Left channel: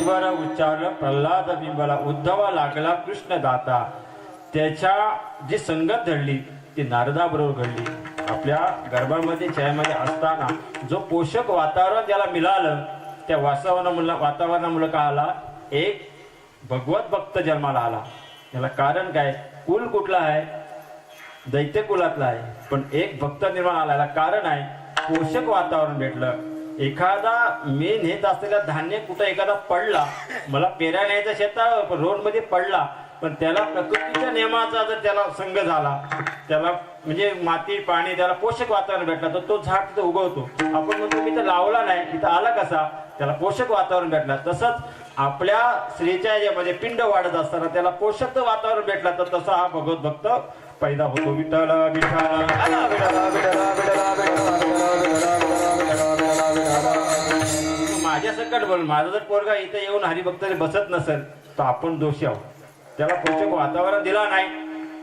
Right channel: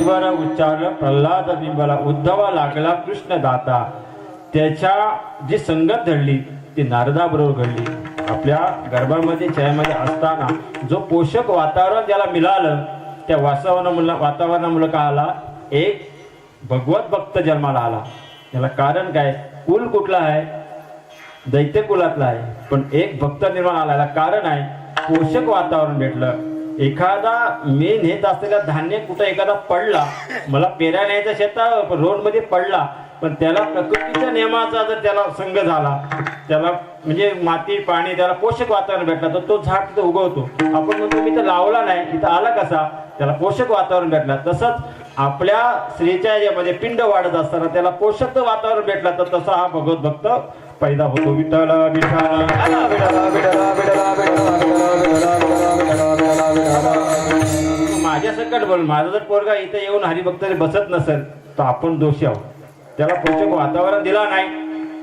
त्रिस्वर उच्चारलं प्रल्हाद बिंबला उद्धवा लागला कृष्ण दाता. त्याच्या जी संगत घडली ती नारदाबरोबर घडली. आपल्या गर्भामध्ये छायामध्ये असताना जो पोषक वातावरण त्याला मिळालं त्या वातावरणामुळे का आला एक भगवत भक्त जन्माला आला. याला कारण काय कुल कुठला आहे दैत्य कुलातला आहे पण एक भक्त निर्माण आला. कारण आहे पोषक वातावरण भेटलं. एखादा मी नेत असलेला धान्य कुठं एखादा पडला मला पेऱ्या न्यायचा शेतात रोड मध्ये पडला पण त्याला प्रकृतीच्या नियमाचा जर त्याला संग झाला त्याला म्हणजे माती पाणी त्याला पोषक वातावरण भेटलं तर तो झाड तिथं उगवतो. आपण म्हणतो मी तर लावला नाही इथं आला कसा त्याला पोषक वातावरण भेटला. तसंच आपल्या स्त्रीच्या यामध्ये पिंड वाढत असताना त्याला पोषक वातावरण भेटला तर तसा हा भगवत भक्त पैदा होतो. विठ्ठल विठ्ठल माझ्या सकट बोल माझा जर पोरगा इथे येऊन हरिभक्त बसत नसेल तर आपण दोषी आहोत. त्याला पोषक वातावरण दिला नाही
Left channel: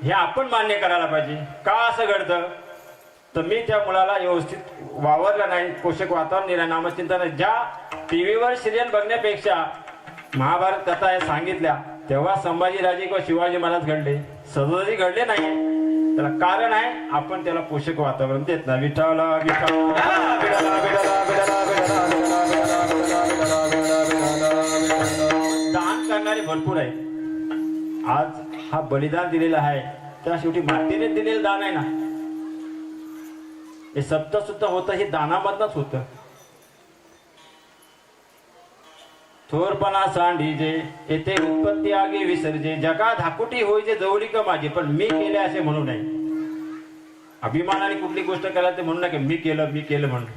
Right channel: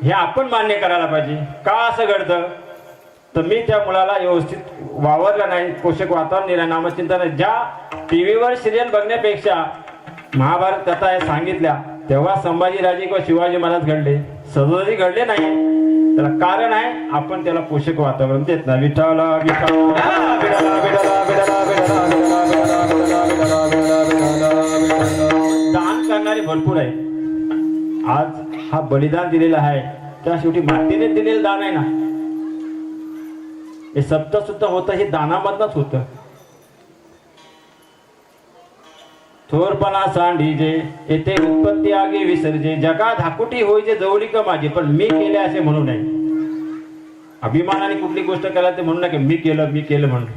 हे आपण मान्य करायला पाहिजे. का असं घडतं तर मी त्या मुलाला व्यवस्थित वावरलं नाही पोषक वातावरण दिलं नामचिंतन. ज्या टीव्हीवर सिरियल बघण्यापेक्षा महाभारत कथा आहे सांगितल्या तेव्हा संभाजीराजे किंवा शिवाजी महाराज घडले सहजासहजी घडले नाही. त्याला कारण आहे आपण त्याला पोषक वातावरण देत नाही. विठ्ठल दान करणारे भरपूर आहेत. आज हा बलिदान दिलेला आहे त्या शेवटी मातेने दिलेलं दान आहे ना हे सप्त सुद्धा होतं हे दानामधनच होतं. थोरपणा सांडीजे येथे उत्पत्ती आगे विसर्जे जगा धाकुटी होय जे जवळीक माझी पण मी केले असे म्हणू नये. अभिमानाने कुठली गोष्ट केला ते म्हणू नका मी केलं म्हणून.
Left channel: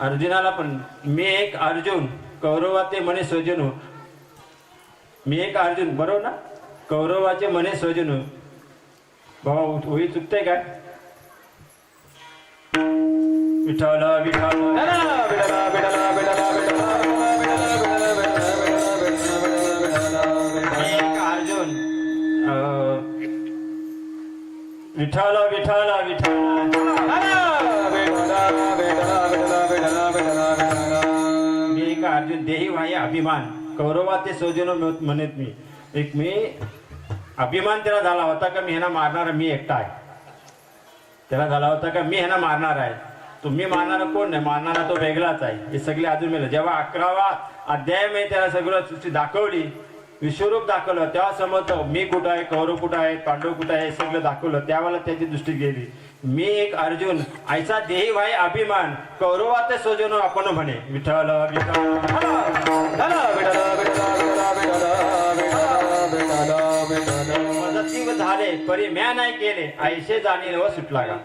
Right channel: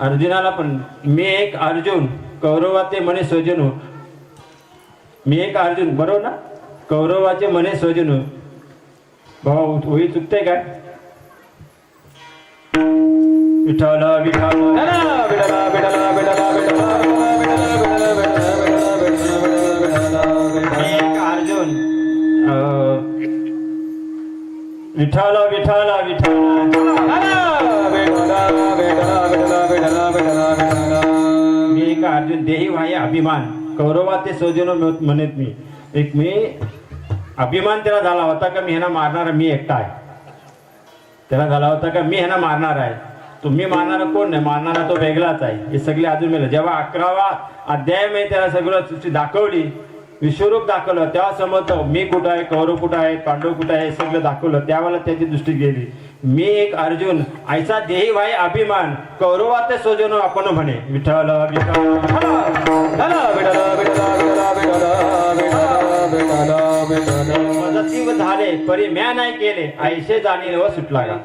अर्जुनाला पण मी एक अर्जुन कौरवाचे म्हणे स्वजन मी एक अर्जुन बरोबर ना कौरवाचे म्हणे स्वजन भाऊ होई चुकते काय. विठ्ठल विठ्ठल विठ्ठल विठ्ठल विठ्ठल मी एक अर्जुन देही वाहे अभिमान कौरवाचे सौजन म्हणत मी एक मी अभिमान त्याला झाला होता का मी ह्यांना मारणार मी एकटा आहे. त्याला झाला होता का मी ह्यांना मारणार आहे. तुम्ही मारणारा कोण नाही मारणारा तो वेगळाच आहे. हे सगळे अजून मिळालं जेव्हा 11वा अध्याय मध्ये त्याला सगळं दाखवली विश्वरूप दाखवलं तेव्हा समजतं मी कुठं आहे कौरव कुठं आहे पांडव कुठं आहे सगळं दाखवलं त्यावेळेला त्याची दृष्टी गेली. मी एक अर्जुन ऐसा देही व्हाय अभिमान कौरवाचे सोजनो आपण म्हणे. विठ्ठल मदतीव झाले परी म्या नाही केले ऐसे जाणील व सुटला का.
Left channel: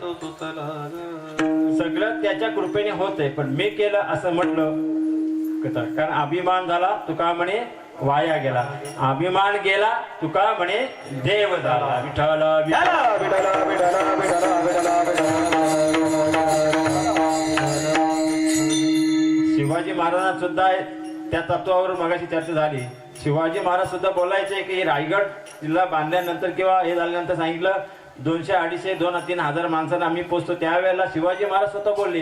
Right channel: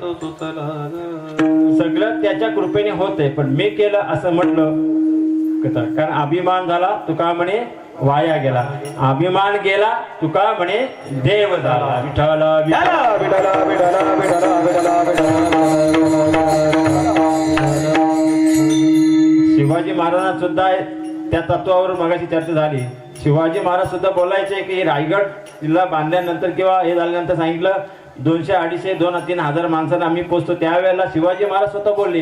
सगळं त्याच्या कृपेने होते पण मी केलं असं म्हटलं कारण अभिमान झाला तुका म्हणे वाया गेला. अभिमान गेला तुका म्हणे देव झाला. विठ्ठल शिवाजी महाराजांना सुद्धा त्या तत्वावर मगाशी चर्चा झाली. शिवाजी महाराज सुद्धा बोलायचे की रायगड जिल्हा बांधल्यानंतर किंवा हे झाल्यानंतर सांगितलं 200 250 2-3 हजार माणसांना आम्ही पोचतो. त्यावेळेला शिवाजी महाराज स्वतः बोलले.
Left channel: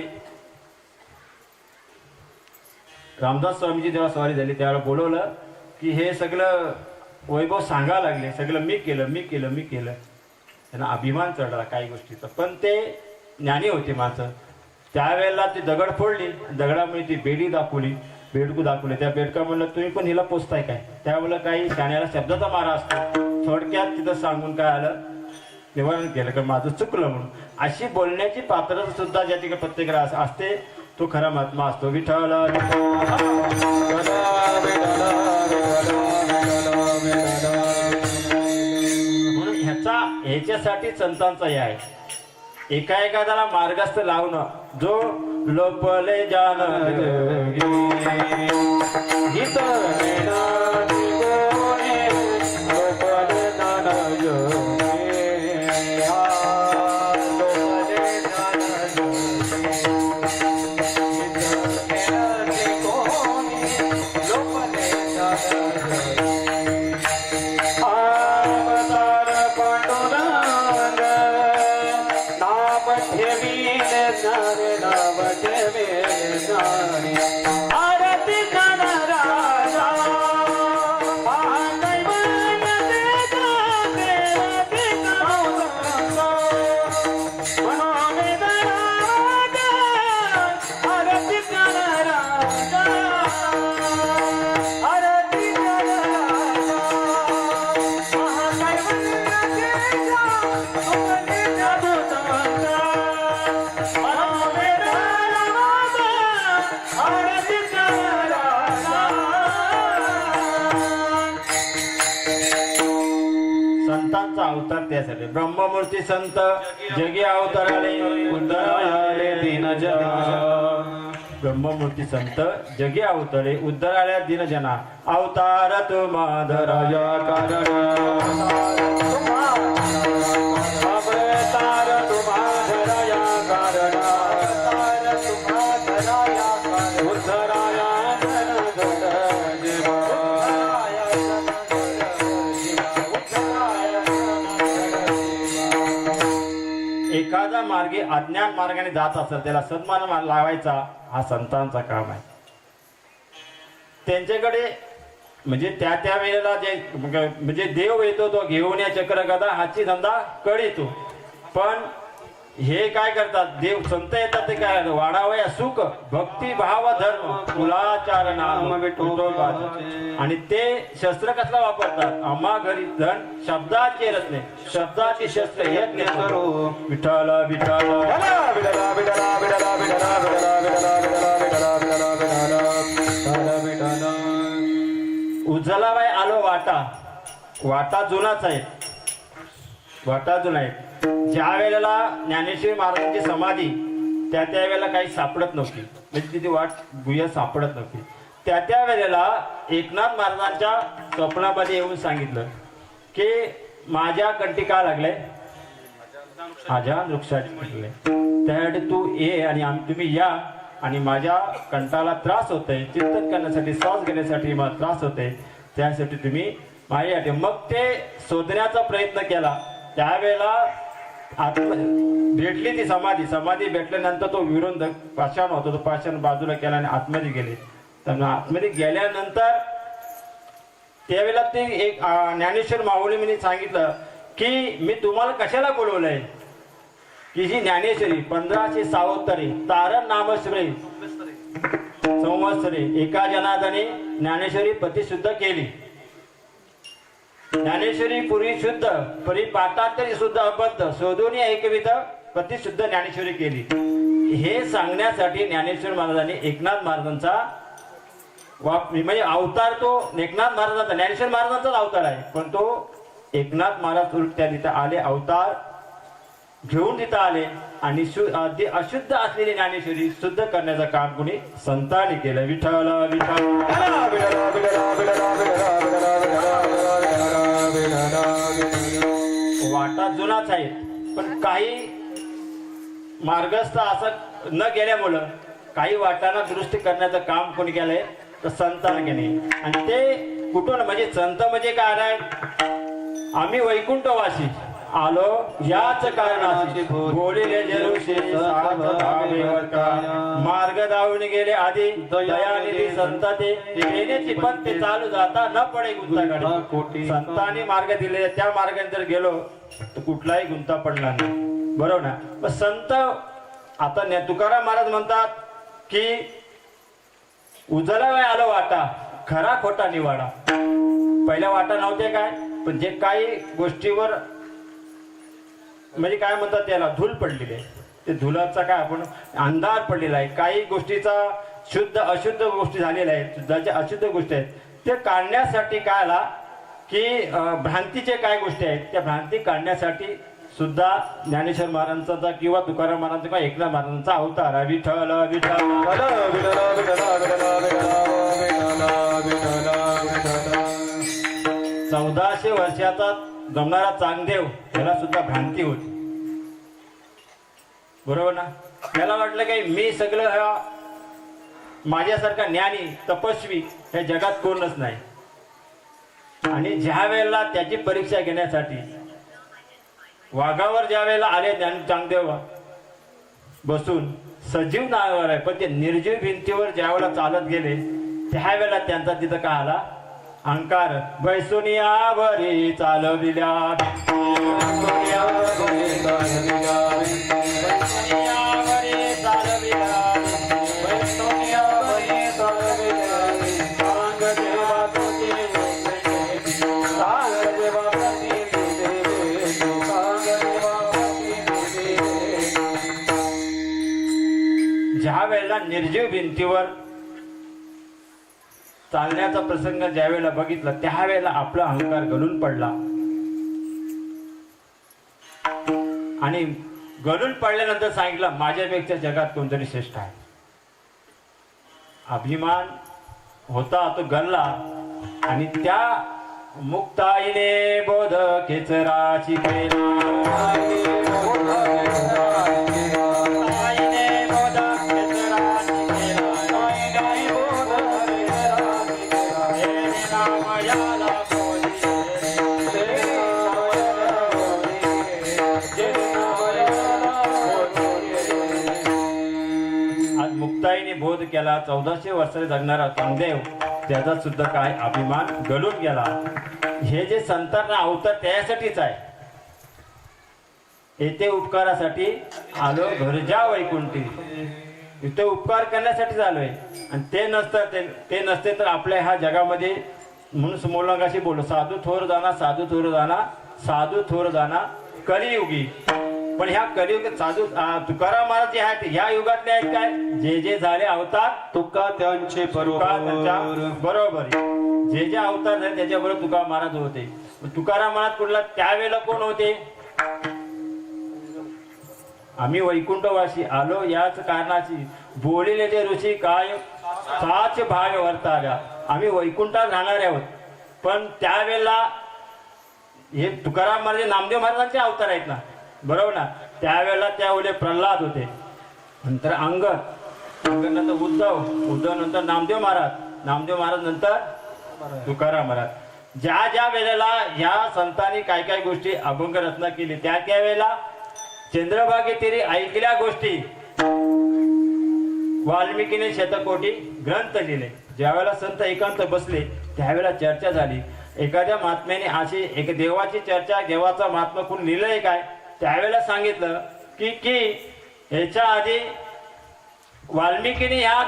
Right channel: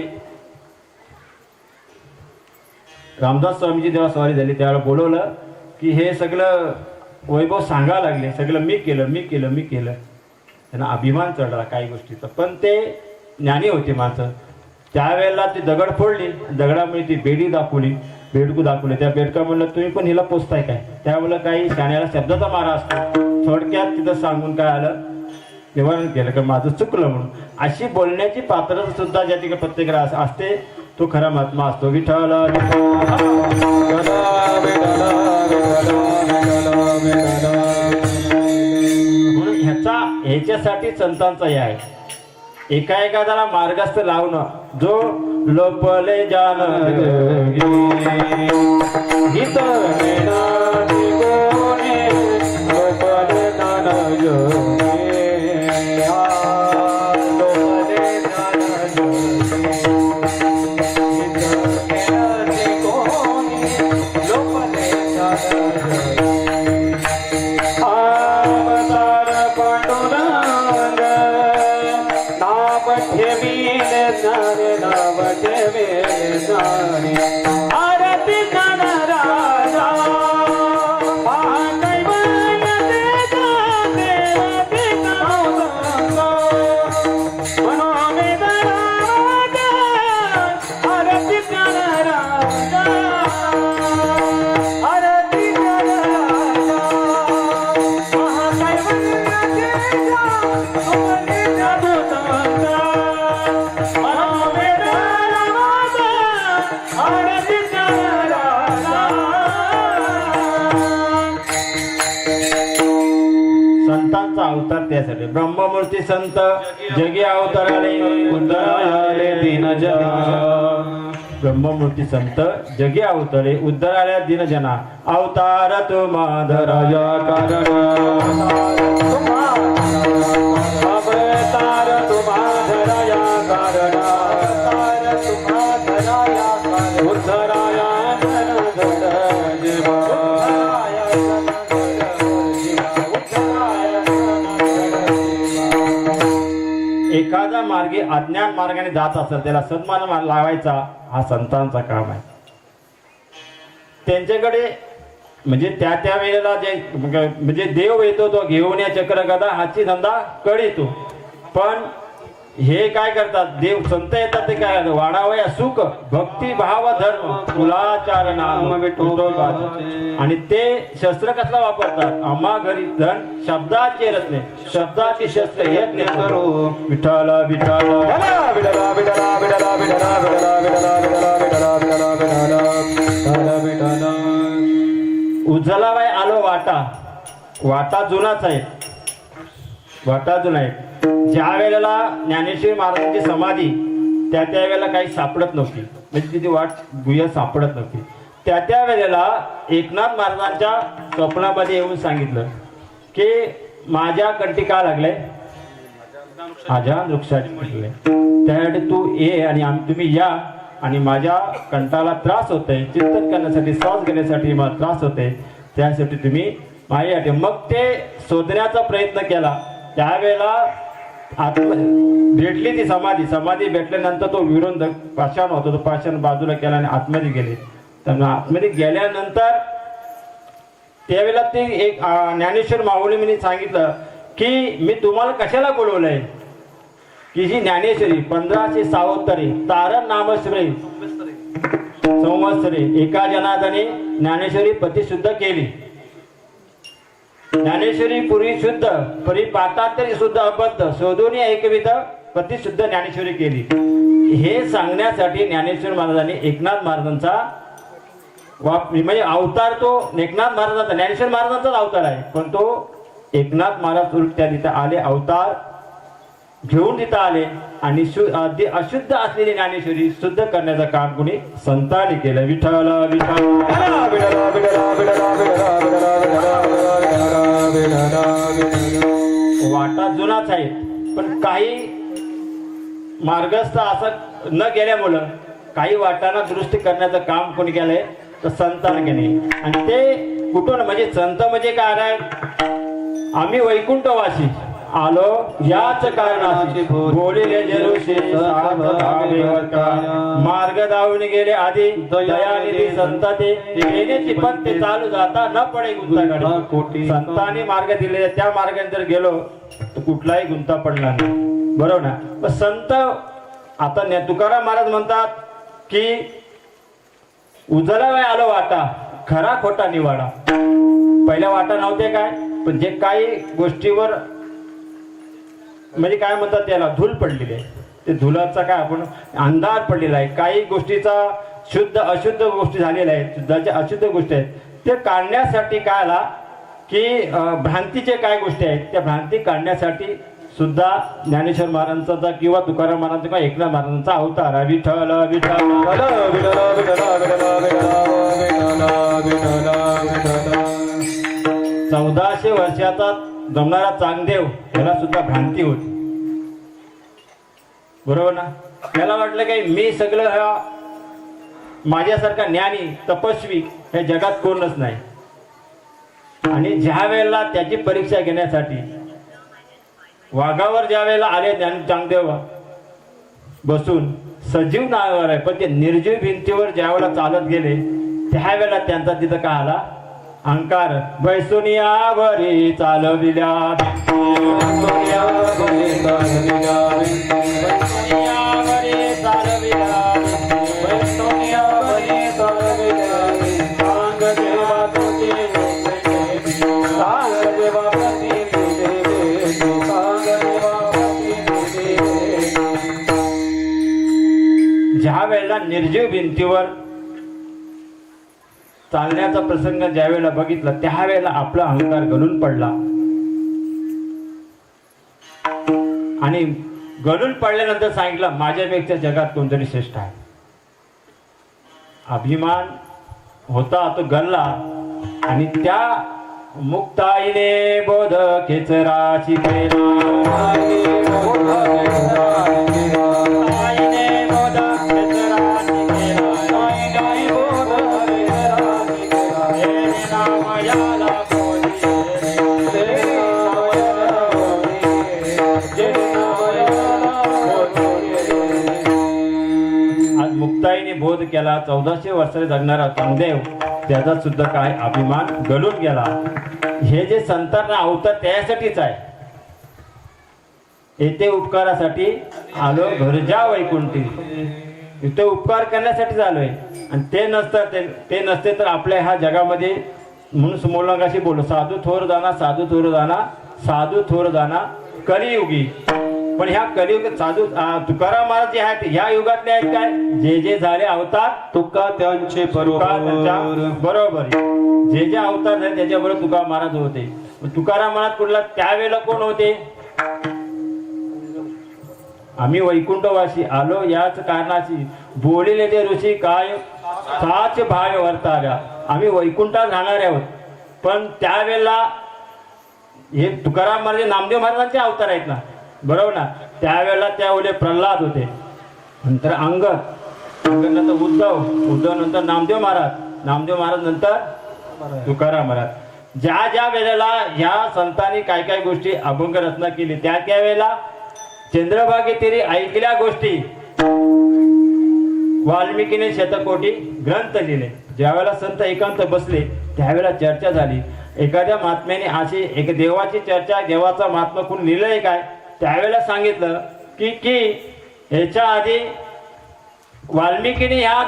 रामदास स्वामीची जेव्हा स्वारी झाली त्यावेळेला बोलवलं की हे सगळं वैभव सांगायला लागले सगळं मी केलं. त्यांना अभिमान चढला काही गोष्टीचा पण ते ज्ञानी होते माणसं. त्यावेळेला ती दगड फोडली दगडामुळे ती बेडकू दाखवली. त्या बेडका म्हणलं तुम्ही पण हिला पोचताय काय. त्यावेळेला काही शाण्याला शब्दाचा मारा असतो थोडक्यात तिथं सांगून काय आलं निवारण केलं का माझं चुकलं म्हणून. अशी बोलण्याची पात्रता सुद्धा ज्या ठिकाणी प्रत्येकाला असते तो खरा महात्मा असतो. विठ्ठल म्हणून ह्याच्यासाठी संतांचा हे आहे. एकाला मार्गस्थ लावणं जो लोपले जान आरती त्यासाठी ब्रह्ममूर्ती संत जगी अवतराले उद्धराले दीनजना ब्रह्ममूर्ती संत जगी अवतरे उद्धराल्या दीनजना अवतार तुम्हा धराया कारण अवतार तुम्हा धराया कारण अवतार तुम्हा धराया कारण उद्धराया एखादा मार्गी अज्ञान मार्गाने जात असेल त्याला सन्मान लावायचा हा संतांचा काम आहे. त्यांच्याकडे म्हणजे त्या वेळेला जे म्हणजे देव येतो तो घेऊन या चक्र गदा हाची धंदा कळीतो. पण हे काय करतात देव संत येतात ते काय वाढावया सुख भक्ती भाव धर्म कुलाचार नाम आणि ते शस्त्र कसला वापरतात आम्हा घरी धन शब्दाचे रत्ने शब्दाची शस्त्र यज्ञ करो विठ्ठल विठ्ठल उजलाबाई आलो वाटा वाटा जुनाच आहे वाटा जुना आहे. ज्या वेळेला ज्ञानेश्वरी महाराजांची समाधी त्या वेळेला काही सापडत नव्हती म्हणजे तिथे वाट गुह्य सापडत नव्हती. त्या वेळेला एकनाथ महाराजांच्या स्वप्नामध्ये येऊन सांगितलं की माझ्या कंठी का लागलंय माझ्या वृक्षाचे त्यासाठी तू ये आणि तुम्ही या आणि माझ्या कंठाला त्रास होतोय चिंतन करण्यासाठी श्वास घेण्यासाठी मला त्रास होतोय त्यासाठी तुम्ही माझ्यासाठी मग ते शोधण्याचा प्रयत्न केला. त्यावेळेला भेटली ती समाधी भेटल्यानंतर तो विरोध पाषाण होता तो पाषाण बाजूला केला आणि आतमध्ये गेले. तर आतमध्ये गेल्यानंतर त्यावेळेला ते एक ज्ञानेश्वर माऊली यांनी सांगितलं की मी तुम्हाला कशाला बोलवलंय की जी ज्ञानेश्वरी 1576 तारण नामश्री संवत्सरे एका जनार्दने ज्ञानेश्वरी प्रतिशुद्ध केली. ज्ञानेश्वरी पूर्वी शुद्ध परिपाठांतरी शुद्ध अबद्ध शोधून एकविध प्रतिशुद्ध ज्ञानेश्वरी केली. हे सांगण्यासाठी ज्ञानेश्वर महाराजांनी एकनाथ महाराजांचा म्हणजे अवतार तो एकनाथ महाराजांचा ज्ञानेश्वर महाराजांचाच अवतार आहे पण तो एकनाथ महाराज त्या तिथे आले अवतार घेऊन तिथं आले आणि अशुद्ध असलेली ज्ञानेश्वरी शुद्ध करण्याचं काम कोणी संतांनी केलं. विठ्ठल वाटा जुनाच आहे पण काही मार्गस्थ असं न गेल्यामुळं काही वाटांना दुरुस्ती करण्याचं काम कोणी केलंय तर संतांनी केले. आणि ते कुठून म्हणजे संत म्हणजे काय आहे आम्ही वैकुंठवासी आलो याच कारणाची बोलिले जरुषे मार्ग धावून गेले आधी दयानिधी संत ते येण्याची पण ते चालू जाता न पडे गुंताकडे संतांनी मार्ग दिले त्या मार्गाने जर गेलो तर कुठलाही गुंता पडला नाही बरोबर ना. पण संत आता तुकाराम महाराज म्हणतात की उजला वेळ आलो वाटा खरा खोटा निवाडा. पहिल्या वाटा नव्हते काय पण जे काही गोष्टीवर म्हणजे काय म्हणतात त्याला धूल पडलेली आहे ते धुलाचा काय आपण अंधार पडलेला आहे. काही गोष्टीचा शुद्ध अशुद्ध गोष्टी झालेल्या आहेत शुद्धाच्या अशुद्ध गोष्टी आहेत ते काढण्यासाठी काय आला की भ्रांतीचे काय गोष्टी आहेत त्या भ्रांती काढण्यासाठी सुद्धा ज्ञानेश्वर महाराजांचा किंवा तुकाराम महाराजांचा किंवा एकनाथ महाराजांचा अवतार विठ्ठल विठ्ठल 1400 वर्षाचा जमणारा चांगदेव त्याला सुद्धा भ्रांती होती बरोबर ना. त्याला वाटलं काही मी सगळं माझ्यासारखा ज्ञानी तपस्वी या जगात कोणच नाही. आणि ज्या वेळेला त्याची परीक्षा घेण्यासाठी वाघावर ज्या वेळेला आले चांगदेव बसून सजीव नावावर आहे पण ते निर्जीव भिंतीवर ज्या वेळेला चालत गेले त्यावेळेला त्यांचा तिथं काय आला अहंकार वैसुनियावरी चालविल्या ज्या वेळेला निर्जीव भिंतीवर चालण्याचा प्रसंग ज्या वेळेला बघितला त्यावेळेला आपला अहंकार गळून पडला आणि गळून पडल्यानंतर सांगितलं माझ्यापेक्षा जगात कोणतरी श्रेष्ठ आहे. अभिमान होता तो गल्ला आणि त्या मुक्ताईने बोध खेचराची मुक्ताईने बोध केला. 1400 वर्षाने जगणारा चांगदेव त्याचा सुद्धा काय अभिमान गळून गेला. हे जे संतांना अवतार त्यासाठीच आहे. येथे उपकारासाठी आलो घरजा वैकुंठी. इथे उपकार करण्यासाठी आलोय आणि ते नसते तर आपल्या ह्या जगामध्ये म्हणून समोरंगाशी बोललो साधू थोर जाना साधू थोर जाना साधू थोर जाना कलियुगी. पण ह्या कलियुग साधू तुकाराम महाराज जे आहेत ह्या युगातले आहेत काय जे जे झाले अवतार तुका त्यांचे बरोबर जे जे अवतार झाले त्याच्याबरोबर तुकाराम महाराज होते. तुकाराम महाराज कुठला त्यावेळेला कोण होते. आम्ही वैकुंठवासी आलो याच कारणाची बोलिले ते ऋषी काय साच भाव वर्ताव्या. आम्ही वैकुंठात राहणार आहोत. पण त्यावेळेला हे तुकाराम महाराज नामदेव महाराजांचे अवतार आहेत ना बरोबर ना. त्यावेळेला त्यावेळेला प्रल्हाद होते. नंतर अंगद नंतर उद्धव नंतर नामदेव महाराज नंतर तुकाराम महाराज. ज्या ज्या वेळेला ह्या संतांनी काय काय गोष्टी अभंग रचना केली त्या वेळेला चंद्रभागे तिरी ऐकल्या गोष्टी वाल्मिकीने शतकोटी ग्रंथ लिहिले. ज्यावेळेला संत एकांत बसले त्यावेळेला चर्चा झाली. एखाद्या महात्म्याने अशी एक देवाची चर्चा देवाचा महात्मा कोण लिहिलंय काय त्यावेळेला सांगितलं की ह्याच्या आधी वाल्मिकीने ह्या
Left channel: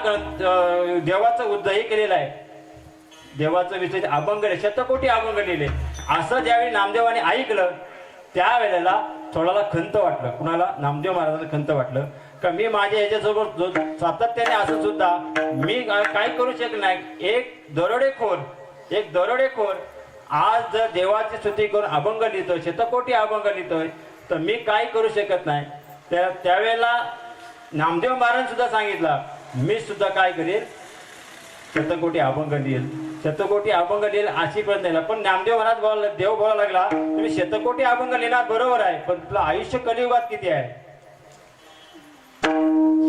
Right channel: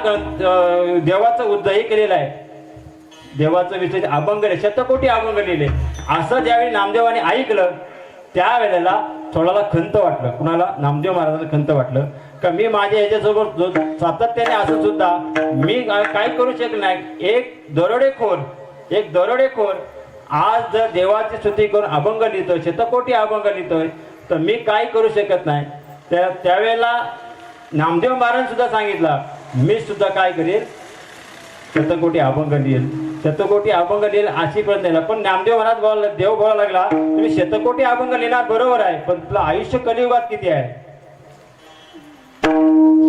देवाचं उद्धही केलेलं आहे. देवाचं विषय अभंग शतकोटी अभंग लिहिले. असं ज्यावेळी नामदेवाने ऐकलं त्यावेळेला थोडाला खंत वाटलं. कुणाला नामदेव महाराजांना खंत वाटलं का मी माझ्या ह्याच्यासोबत सातत्याने असं सुद्धा मी काय करू शकत नाही. एक दरोडेखोर आज जर देवाची स्तुती करून अभंग लिहितोय शतकोटी अभंग लिहितोय तर मी काय करू शकत नाही. त्यावेळेला नामदेव महाराज सुद्धा सांगितलं मी सुद्धा काय करेल शतकोटी अभंग लिहिल अशी प्रश्न नाही. पण नामदेव महाराज देव बोलायला लागला तुम्ही शतकोटी अभंग लिहिणार बरोबर आहे पण तुला आयुष्य कलियुगात किती आहे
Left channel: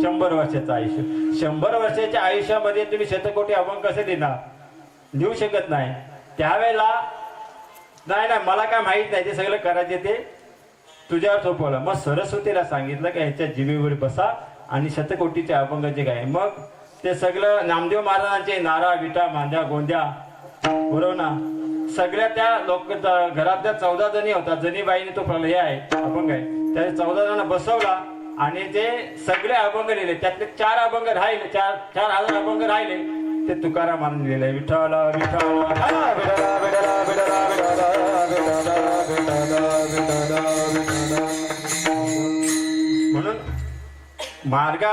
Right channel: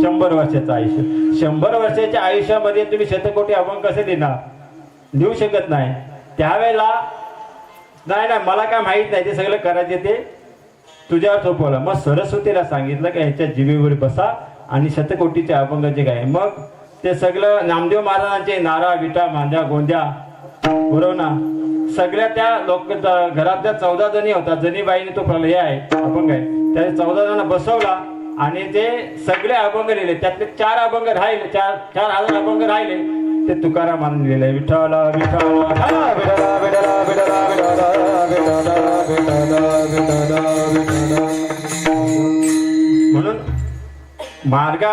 100 वर्षाचं आयुष्य. 100 वर्षाच्या आयुष्यामध्ये तुम्ही शतकोटी अभंग कसे लिहू शकत नाही. त्यावेळेला नाही मला काय माहित नाही ते सगळं करायचे ते तुझ्यावर सोपवलं. मग सरस्वतीला सांगितलं की ह्याच्या जिभेवर बसा आणि शतकोटीचे अभंग जे काय मग ते सगळं नामदेव महाराजांचे नारा विटा मांद्या गोंद्या बरोबर ना सगळ्या त्या लोक घरातल्या 14 जणी होता जनीबाईने तो प्रलय आहे अभंग आहे त्या 14 जणांना बसवला आणि ते सगळे अभंग लिहिले. त्यातले 4 अभंग राहिले 4,000 अभंग राहिले ते तुकारामाने लिहिले. विठ्ठला म्हणून मार्ग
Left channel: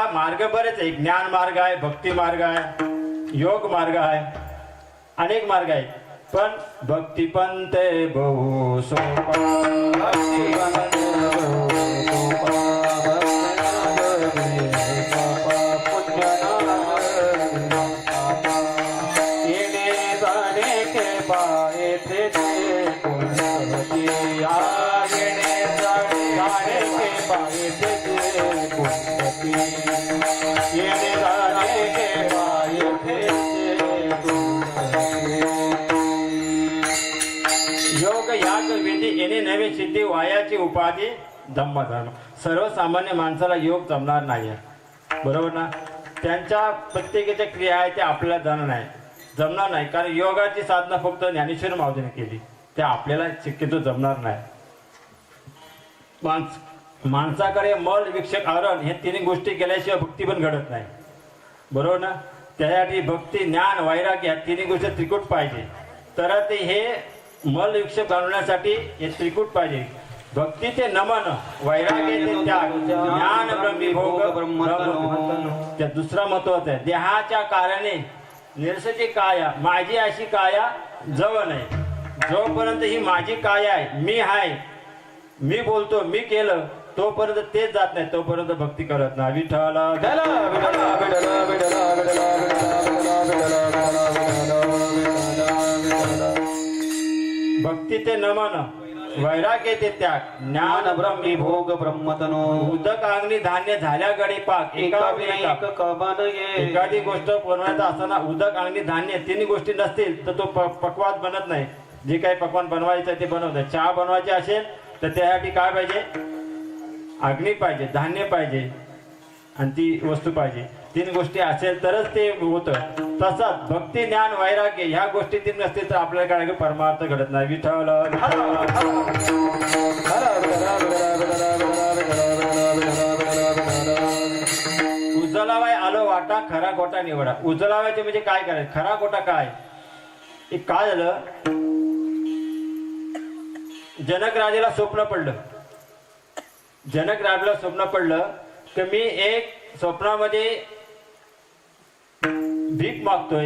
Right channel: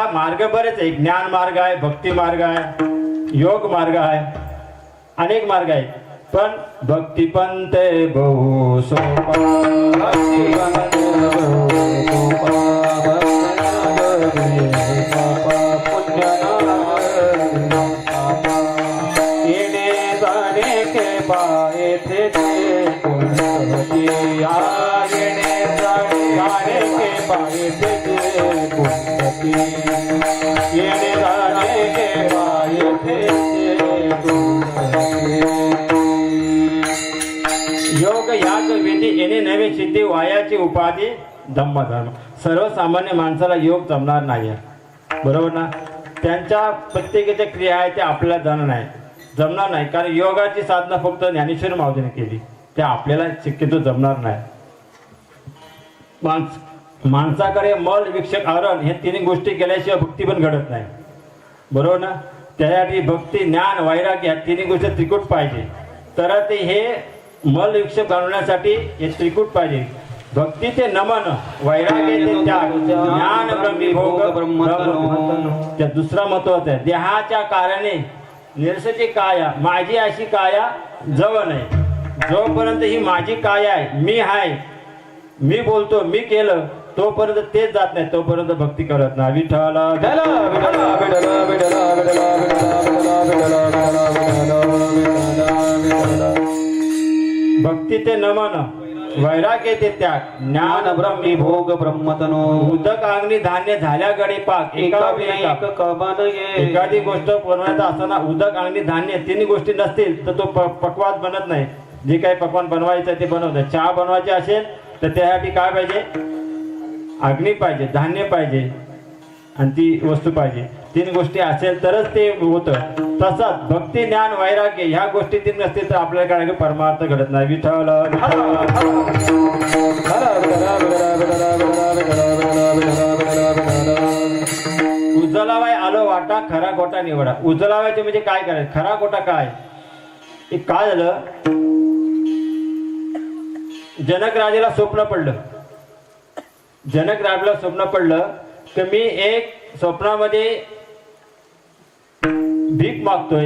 बरेच आहे. ज्ञान मार्ग आहे भक्ती मार्ग आहे योग मार्ग आहे अनेक मार्ग आहेत. पण भक्ती पंते बहु सोपा योग याग विधी येणे नवे सिद्धी वायाची उपाधी धम्मधर्म. सर्वसामान्य माणसाला योग जमणार नाही बरोबर ना. त्यांच्या प्रत्येकाच्या क्रिया आहे ते आपल्याला जमणार नाही कारण योगाची साधना फक्त ज्ञानेश्वर माऊलीने केली ते आपल्याला शक्यतो जमणार नाही. माणसाकडे मल विक्षक आरण हे 3 गोष्टी केल्याशिवाय भक्ती पण घडत नाही बरोबर ना. त्यासाठी भक्ती ज्ञान वैराग्य ह्या 3 गोष्टी त्रिकूट पाहिजे तर ते हे मल विक्षेप घालवण्यासाठी हे त्रिकूट पाहिजे. भक्ती ते नमन वैराग्य ते त्याग ज्ञान ब्रह्मीभोग त्या दुसरा महत्वाचा आहे. देहाच्या कारणे निरसची काया माझी अशी काया जवळ नाही. जोपर्यंत ही माझी काया आहे मी आहे मी बोलतो मी केलं तोपर्यंत तेच जात नाही, तोपर्यंत भक्ती करत नाही. विठ्ठल भक्ती ते नमन, वैराग्य ते त्याग, ज्ञान ब्रह्मी भोग ब्रह्मतनो, उदक अंगणी धान्य झाल्या गडी पाक, एका विनायक कबन ये. एखादी गोष्ट बनवायचं असताना उदक अंगणी धान्य तिन्ही गोष्टी नसतील तर तो पक्वान बनत नाही. जे काही पक्वान बनवायचं ते बनवतं. चहा बनवायचे असेल तर त्यासाठी काय पाहिजे? अग्नी पाहिजे, धान्य पाहिजे आणि ती वस्तू पाहिजे. तीन गोष्टी असेल तरच ते होतं. तसंच भक्ती ज्ञान वैराग्य ह्या गोष्टी तीन नसतील तर आपल्याला काय परमार्थ घडत नाही. विठ्ठल उजलावाय आलो वाटा, खरा खोटा निवडा. उजलावायचे म्हणजे काय करायचं, खरा खोटा काय. एक काय झालं, जनक राजाला स्वप्न पडलं. जनक राजाला स्वप्न पडलं की मी एक स्वप्नामध्ये भीक मागतोय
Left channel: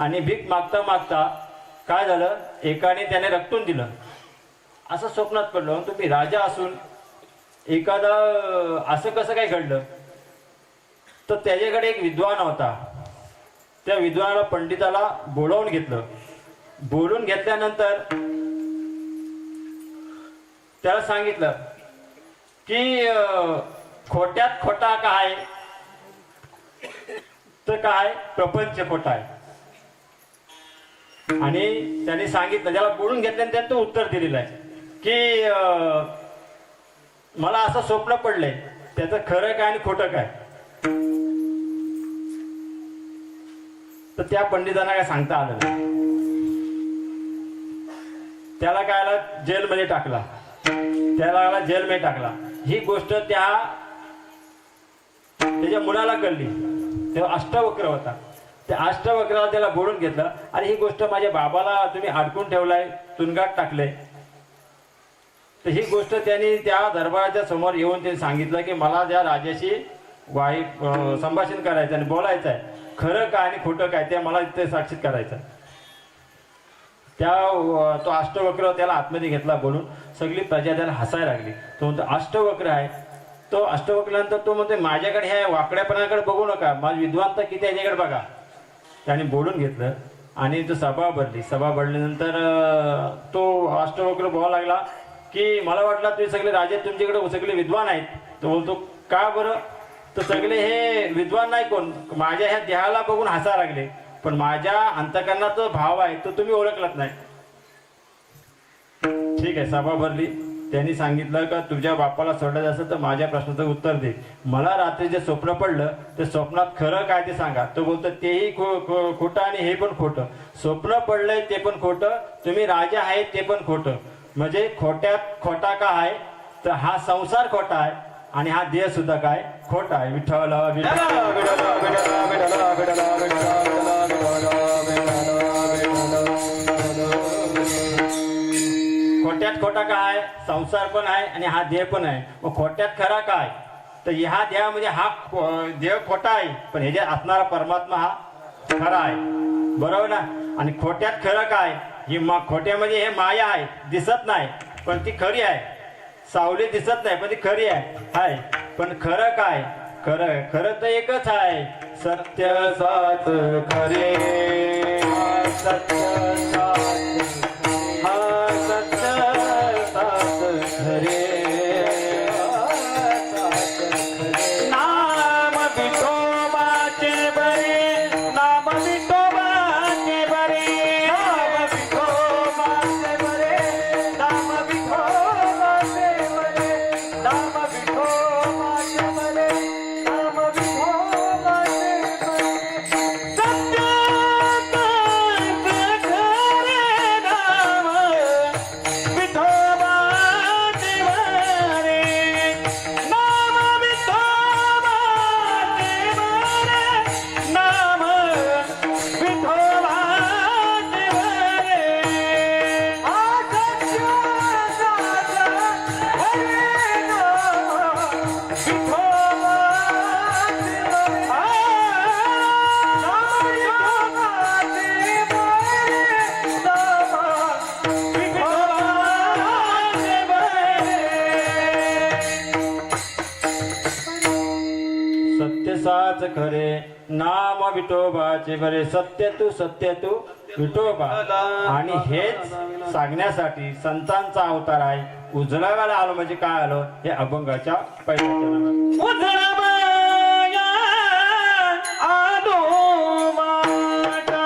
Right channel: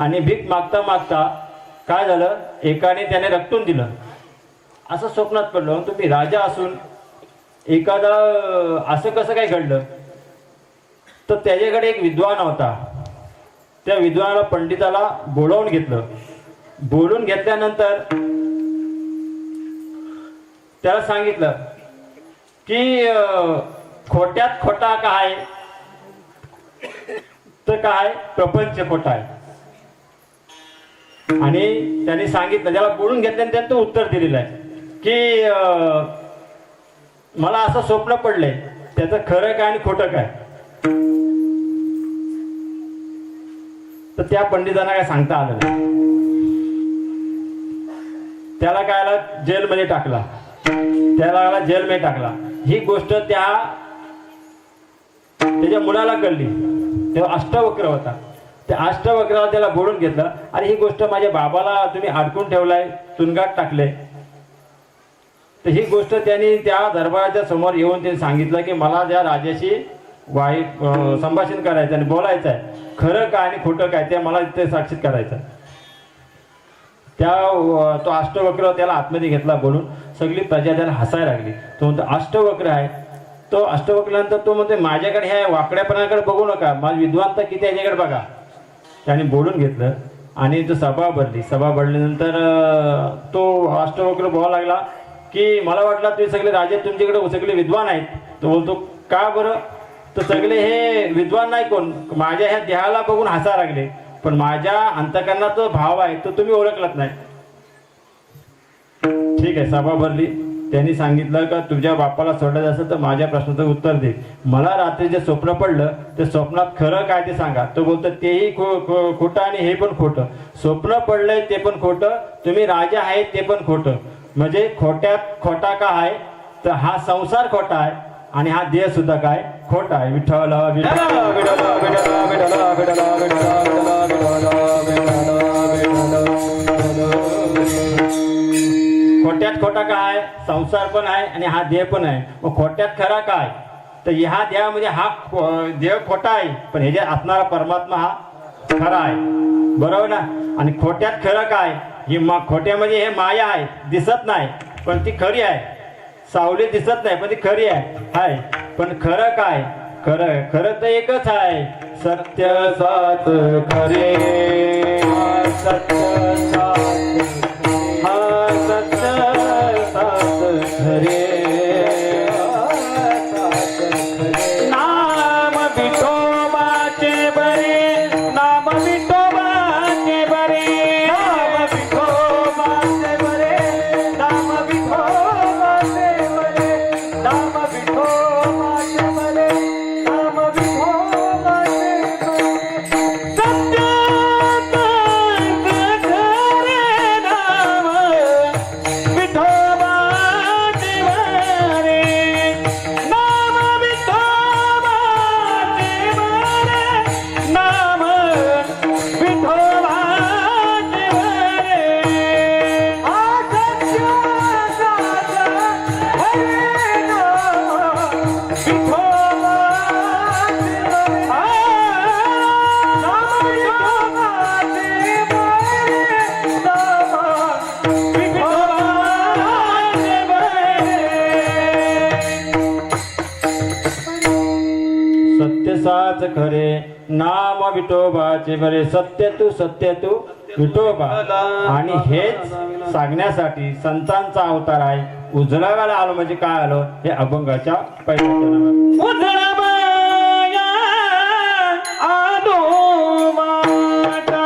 आणि भीक मागता मागता काय झालं, एकाने त्याने रक्तून दिलं. असं स्वप्नात पडलं. तुम्ही राजा असून एखादा असं कसं काय घडलं. तर त्याच्याकडे एक विद्वान होता. त्या विद्वानाला पंडिताला बोलावून घेतलं. बोलून घेतल्यानंतर त्याला सांगितलं की खोट्यात खोटा काय, तर काय प्रपंच खोटा आहे. आणि त्यांनी सांगितलं, त्याला बोलून घेतल्यानंतर तो उत्तर दिलेलं आहे की मला असं स्वप्न पडलंय, त्याचं खरं काय आणि खोटं काय. तर त्या पंडितांना काय सांगता आलं नाही. त्याला काय आला, जेलमध्ये टाकला. त्याला जेलमध्ये टाकला. ही गोष्ट त्याच्या मुलाला कळली. तेव्हा अष्टवक्र होता. त्या अष्टवक्राला त्याला बोलून घेतलं, आणि ही गोष्ट माझ्या बाबाला तुम्ही अडकून ठेवलाय, तुरुंगात टाकले. तर ही गोष्ट त्यांनी त्या दरबाराच्या समोर येऊन त्यांनी सांगितलं की मला त्या राजाशी संभाषण करायचं आणि बोलायचं आहे. खरं काय आणि खोटं काय ते मला इथे साक्षीत करायचं. तो अष्टवक्र त्याला आतमध्ये घेतला बोलून. सगळी प्रजा त्याला हसायला लागली. तो म्हणतो अष्टवक्र आहे. तो अष्टवक्रानंतर तो म्हणतो माझ्याकडे ह्या वाकड्यापणाकडे बघू नका, माझं विद्वान तर किती याच्याकडे बघा. त्याने बोलून घेतलं आणि तो सभा भरली. सभा भरल्यानंतर तो अष्टवक्र बोलायला लागला की मला वाटलं तुम्ही सगळे राजे तुमच्याकडे सगळे विद्वान आहेत. तो बोलतो का बरं. तर सगळे हे विद्वान नाही, कोण माझ्या ह्या देहाला बघून हसायला लागले, पण माझ्या अंतकरणात जो भाव आहे तो तुम्ही ओळखलाच नाही. ठीक आहे, सभा भरली. त्यांनी सांगितलं का तुझ्या बापाला सोडायचं असेल तर माझ्या प्रश्नाचं उत्तर दे. मला रात्री जे स्वप्न पडलं ते स्वप्नात खरं काय ते सांगा. तो बोलतो तेही खोटं आणि हे पण खोटं. स्वप्न पडलंय ते पण खोटं, तुम्ही राजा आहेत ते पण खोटं. म्हणजे खोट्यात खोटा का आहे, तर हा संसार खोटा आहे आणि हा देह सुद्धा काय खोटा आहे. विठ्ठल खोट्यात खोटा काय, संसार पण आहे आणि हा देह पण आहे. मग खोट्यात खरा काय, तर ह्या देहामध्ये हा देह खोटा आहे, पण ह्याच्यात असणारा परमात्मा हा खरा आहे. बरोबर ना. आणि खोट्यात खरं काय, ही खोट्यामध्ये हे माया आहे, दिसत नाही पण ती खरी आहे. सावली दिसत नाही पण ती खरी आहे. पण खरं काय, खरं तर एकच आहे. सत्य सात खरे, सत्य सात खरे. नाम विठोबाचे बरे, नाम विठोबाचे बरे, नाम विठोबाचे बरे, नाम विठोबाचे बरे, नाम विठोबाचे बरे, नाम विठोबाचे बरे. सत्य खरे खरे नाम विठोबाचे बरे सत्य तू विठोबा. आणि हेच सांगण्यासाठी संतांचा अवतार आहे. उजळाव्याला आलो म्हणजे काय आलो हे अभंगाच्या पहिल्या चरणात. उजळावया आलो वाटा.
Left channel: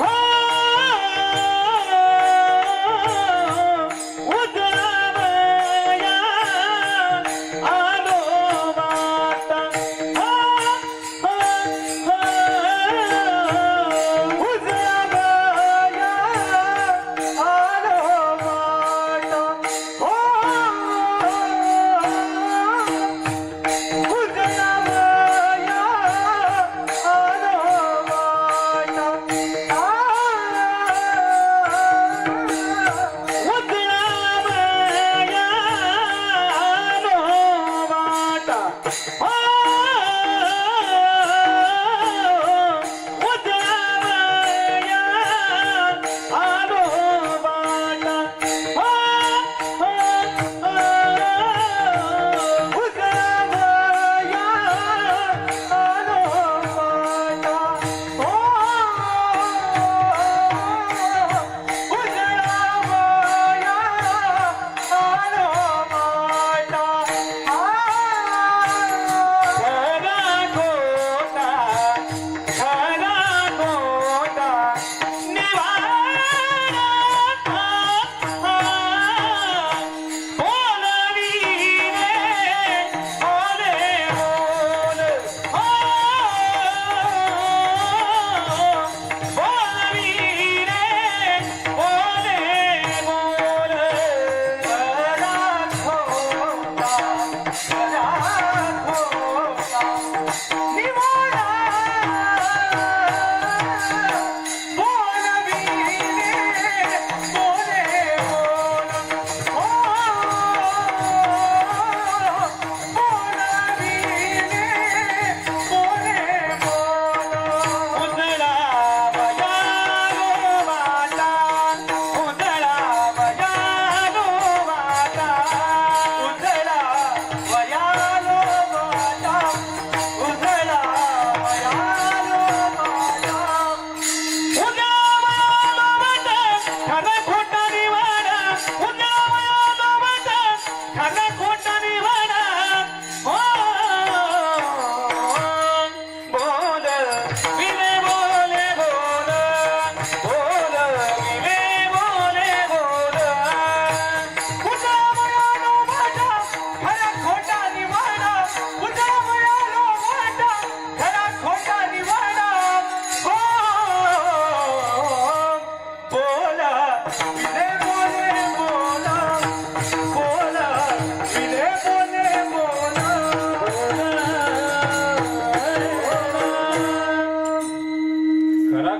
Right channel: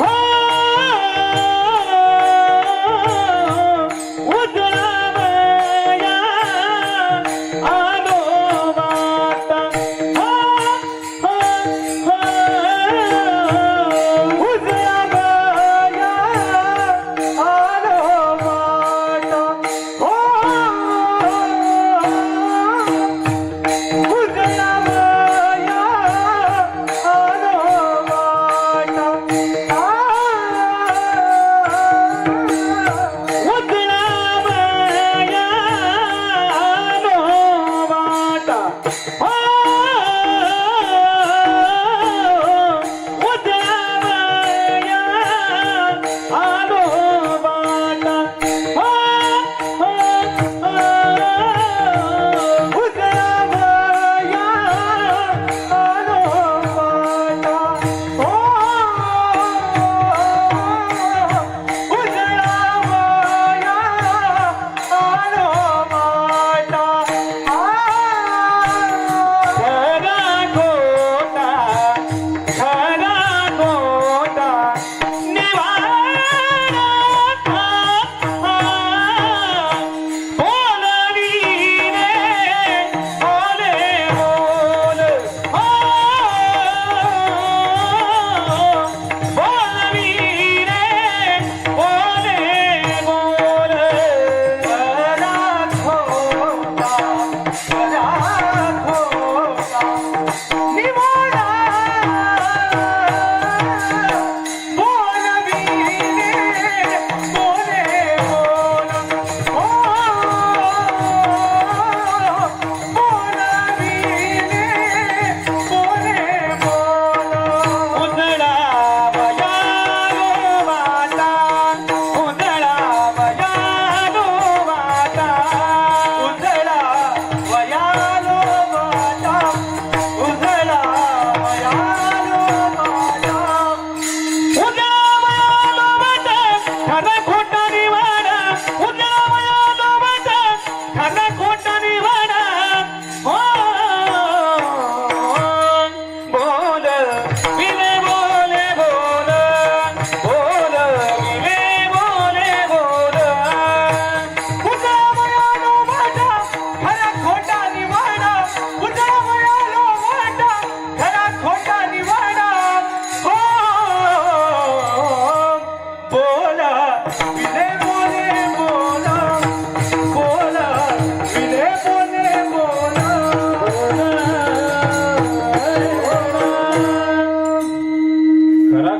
हो, उजळावया आलो वाटा. हो, हो, हो, उजळावया आलो वाटा. हो,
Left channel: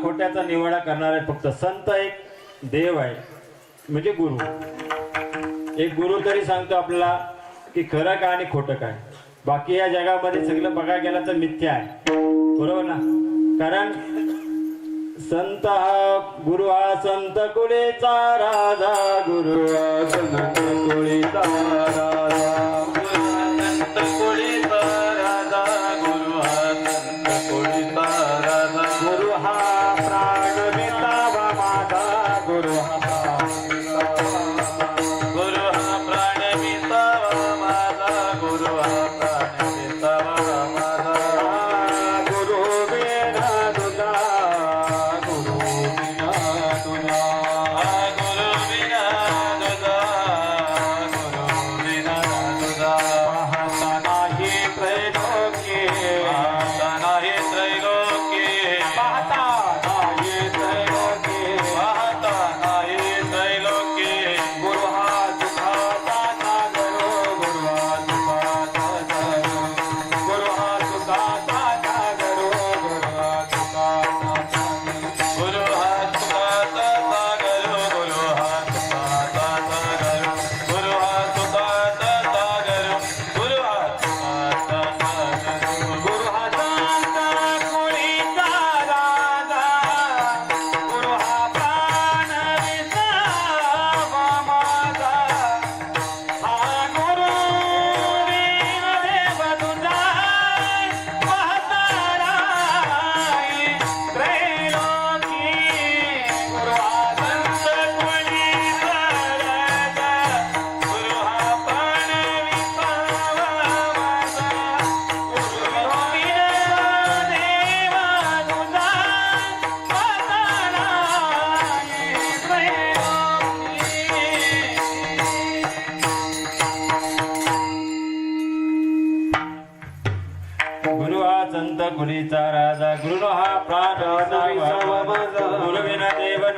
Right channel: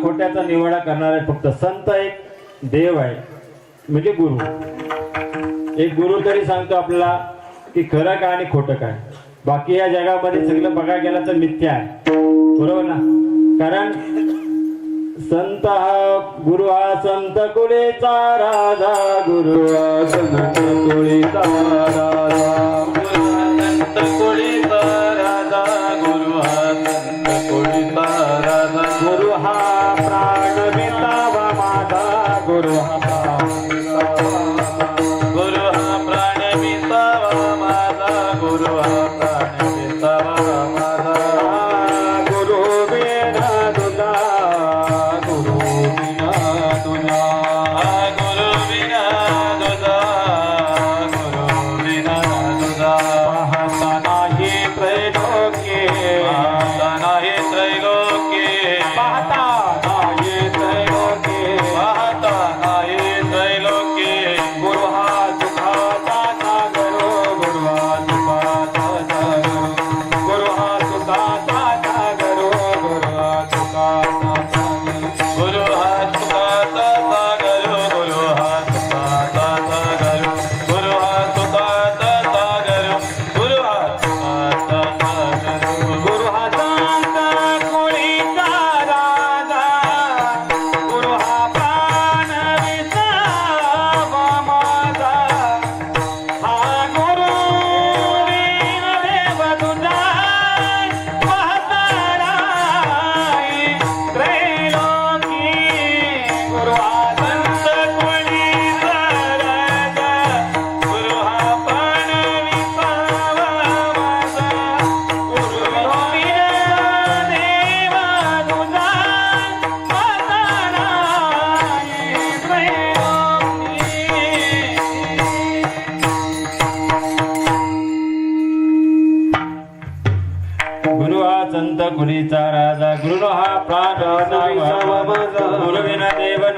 खोट्याचा निवाडा करणारे फक्त संत एक देव आहे म्हणजे गुरु. एक गुरु तरी सांगतो आपल्याला की खरं काय आणि खोटं काय. बाकी या जगामध्ये सगळं बघायला गेलं तर मिथ्या आहे, बरोबर ना. कारण संत हा गुरु हा संत कुळेचा राजा, गुरु हा संत कुळेचा राजा, संत कुळीचा राजा, गुरु हा संत कुळीचा राजा. गुरु हा प्राण विसावा माझा, गुरु हा गुरु हा प्राण विसावा माझा, गुरु हा प्राण विसावा माझा. गुरु बिना तुझा, गुरु बिना तुझा, गुरु बिना तुझा, गुरु बिना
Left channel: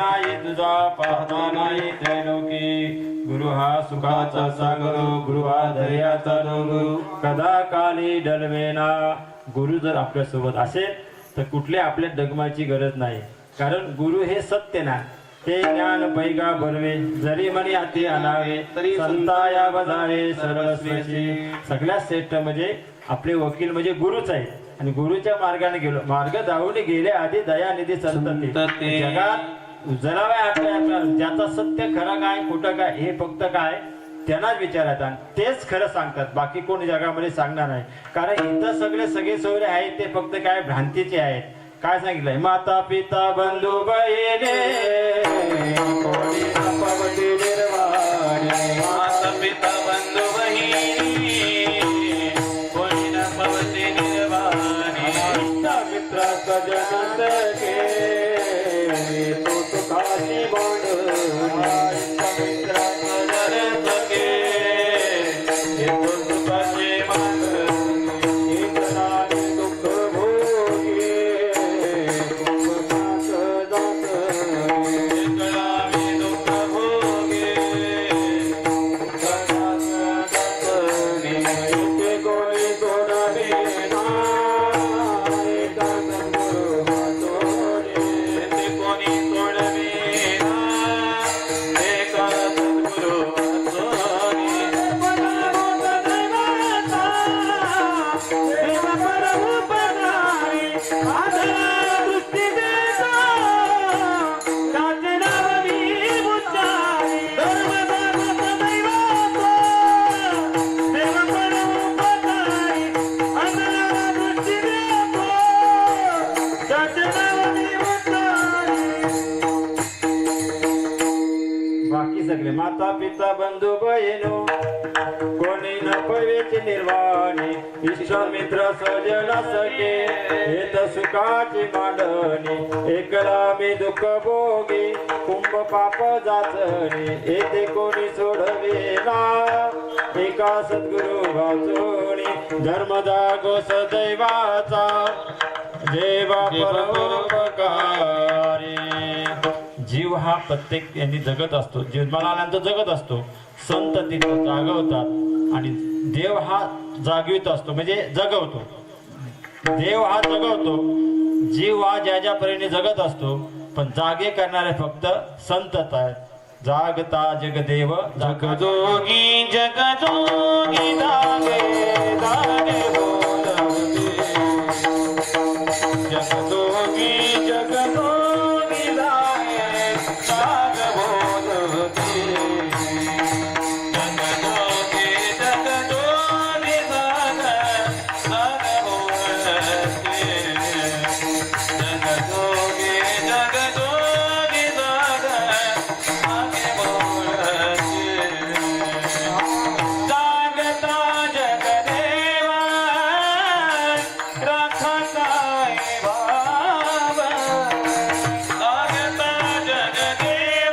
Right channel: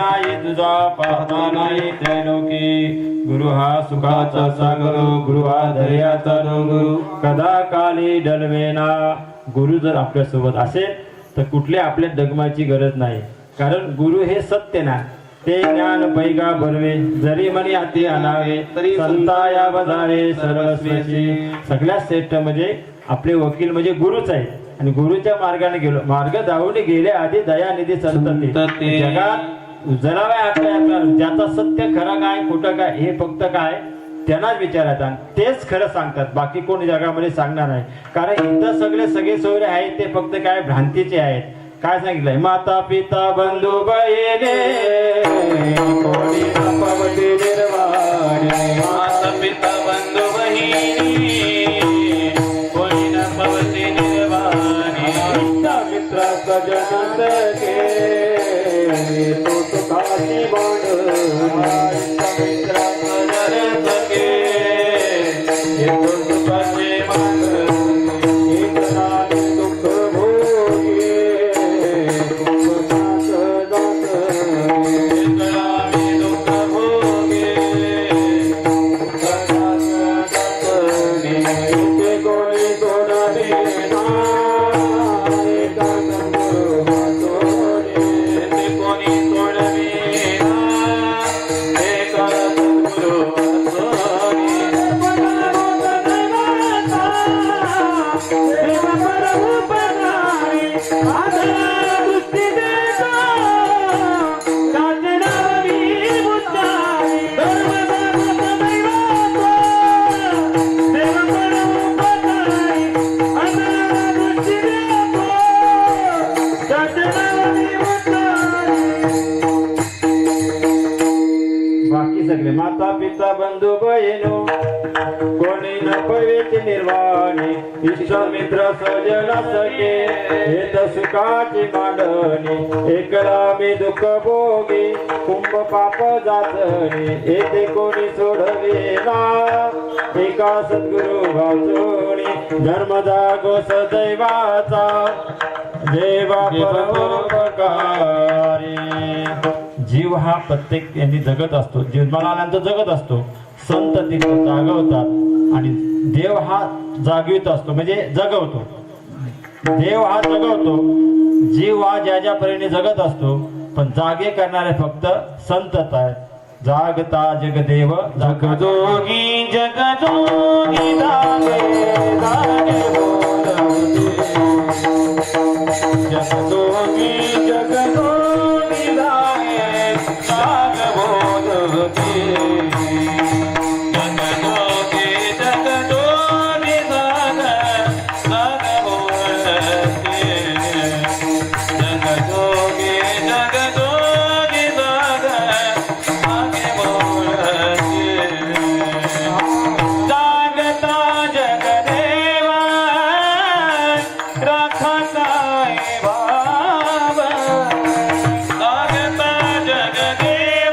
नाही तुझा पाहता नाही त्रैलोकी गुरु हा सुखाचा सागर गुरु हा धैर्याचा डोंगर कदा काली डलवेना गुरु जर आपल्या सोबत असेल तर कुठल्या आपल्या डगमाची गरज नाही कारण गुरु हे सत्य ना ते ज्ञान पैगा बरवे जरी मनी अति अनावे तरी संता या बजारे सर्वस्वेची सगळ्यात श्रेष्ठ म्हणजे आपले वकील म्हणजे गुरुच आहे आणि गुरुच्या मार्गाने गेलो मार्ग जाऊन गेले आधी दयानिधी संत ते जगात उजळावे आपल्या ज्याचा सत्य खरं काय खोटं काय हे फक्त काय त्यांनाच विचारायचं आणि तेच खरं सांगतात बाकी कोण जगामध्ये सांगणार नाही कारण इथं सगळे सोयरे आहेत ते फक्त काय भ्रांतीचे आहेत काय सांगितलंय माता पिता बंधू बहिणे कोणी न पवती निर्वाणे माता पिता बंधू बहिणी कोणी न पवती निर्वाणी मित्र सजन सखे तो सुखाची मित्र सजन सखे हे तो सुखाचे दुःख भोगी कळावे दुःख भोगे कोणी तोडावे ते कोणी तोडवे हे करत गुरु सोनी बाकी सगळे माता पिता बंधू बहिणो कोणी न पवेची निर्वाणी विश्वामित्र सजन सखे हेत सुखाची मांडणी एकला मी दुःख भोगी कुंभ पाप जाचणी येथे कोणी सोडवेना एका सद्गुरु वाचोणी धर्म जागो सदैवाचा देवा परोपकारी जीव हा प्रत्येक यांनी जगत असतो जन्माला जगत असतो संत तिथं जागवतात आणि देव हा जागवित असतो म्हणजे जगवतो देव हा जगवतो जीव हा ज्या ज्या परीने जगत असतो पण जागे करणारे फक्त संतच आहेत जागता जगदेव जगजोगी जगजोगी जागे जागे बोलते जगजोगी जगजोगी जागे जाग बोलते जगजोगी जगजोगी जाग जाग बोलते जगजोगी जगजोगी जाग जाग बोलते जागता जगदेवा राखताय भाव जागता जगदेवा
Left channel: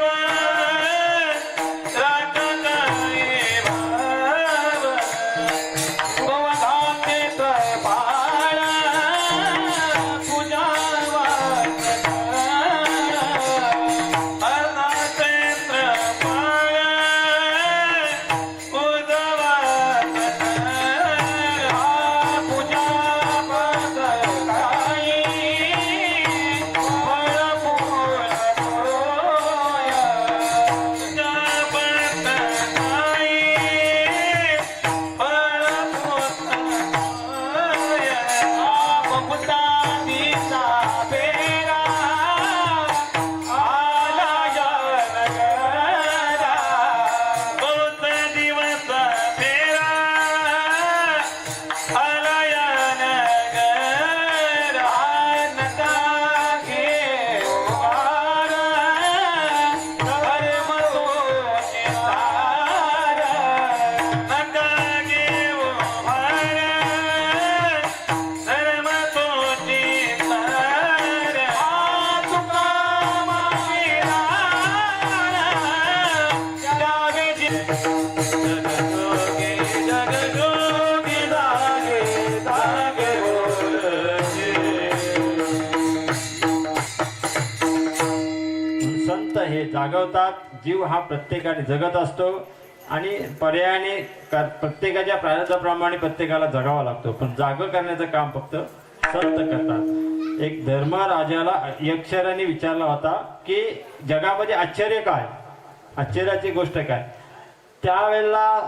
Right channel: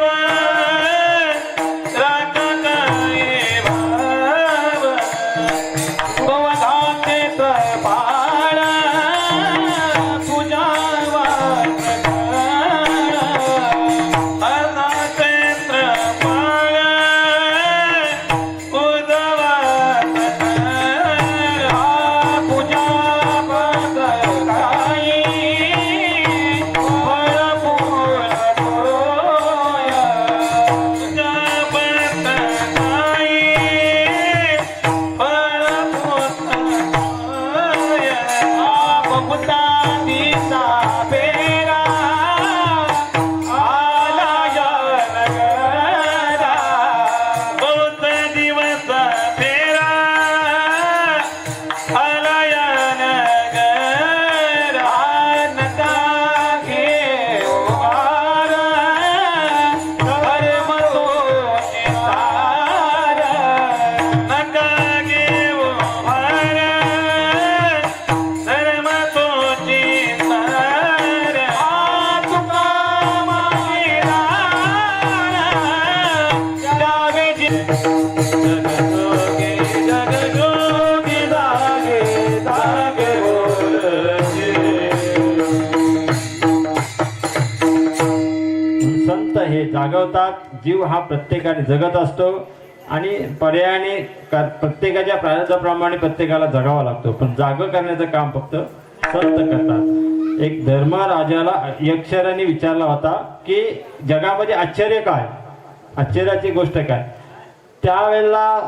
संत हे जागवतात. जीव हा प्रत्येकाने जगत असतो आणि पर्यायाने प्रत्येकाच्या प्रारब्धाप्रमाणे प्रत्येकाला जगावा लागतो, पण जाग करण्याचं काम फक्त संत करतात. एक धर्मराजाला यक्षराने विचारला होता की जगामध्ये आश्चर्य काय, आश्चर्याची गोष्ट काय. त्यावेळेला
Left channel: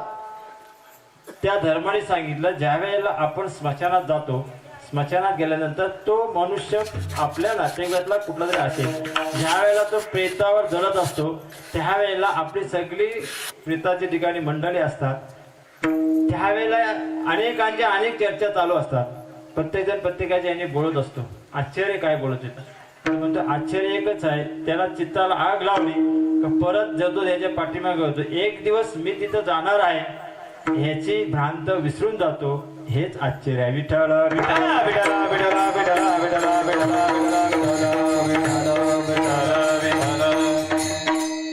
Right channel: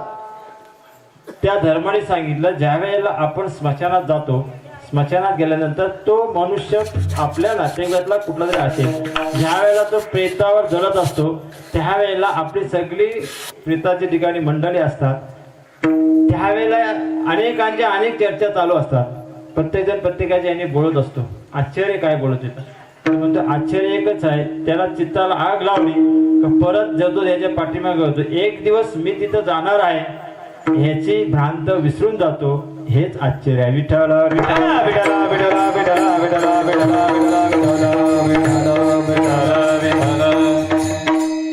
त्या धर्माने सांगितलं, ज्या वेळेला आपण स्मशानात जातो, स्मशानात गेल्यानंतर तो मनुष्य आपल्या नातेवाईकातला कुठला तरी असेल, ज्या वेळेला तो प्रेतावर जळत असतो त्यावेळेला आपली सगळी प्रेताच्या ठिकाणी मंडळी असतात. त्यावेळेला अनेकांच्या अनेक चर्चा चालू असतात. प्रत्येकजण प्रत्येकाच्या याने बोलत असतो. आश्चर्य काय बोलत येतं, म्हणतो आश्चर्य एकच आहे, त्याला चित्ताला आग लावली का परत जातो त्याच्या पाठीमागे होतो. एक दिवस मी तिथं जाणार आहे ह्याची भ्रांत विसरून जातो, हेच आश्चर्य आहे. विठ्ठल विठ्ठल विठ्ठल विठ्ठल विठ्ठल विठ्ठल विठ्ठल.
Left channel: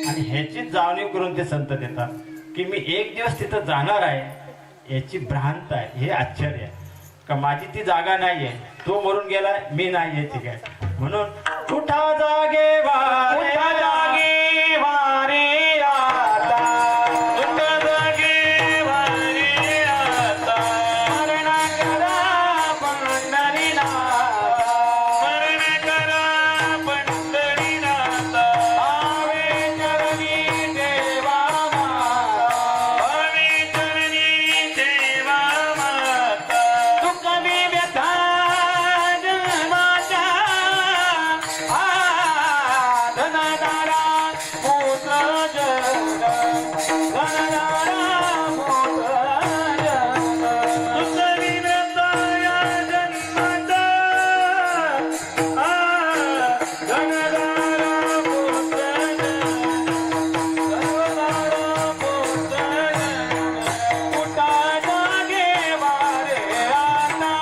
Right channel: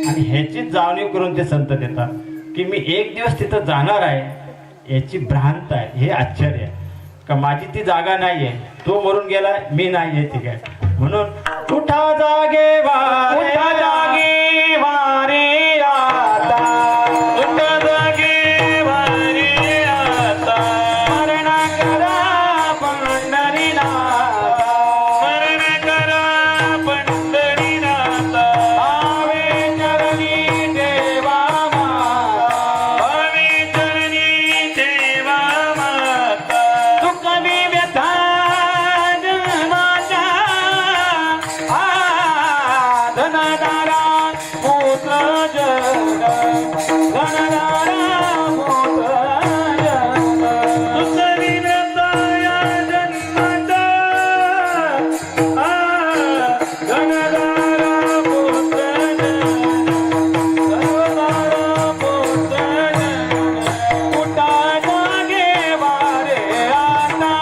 आणि ह्याची जाणीव करून ते संत देतात की मी एक दिवस तिथं जाणार आहे याची भ्रांत आहे, हे आश्चर्य आहे. का माझी ती जागा नाहीये, तो मरून गेलाय, मी नाहीये ठीक आहे. म्हणून उठा जागे वारे, उठा जागे वारे आता, उठा जागे वारे आता, मरण करा पंढरीनाथा, मरण करा पंढरीनाथा, आवे चरणी देवा माता, आवे चरणी देवा माता, दुःखमी व्यथा जन्माच्या, धनदारा पुत्र जग, धनदारा पुत्र जग, दुःखमी व्यथा या जन्माच्या, धनदारा पुत्र जग, धनदारा पुत्र जग. उठा जागे वारे आता,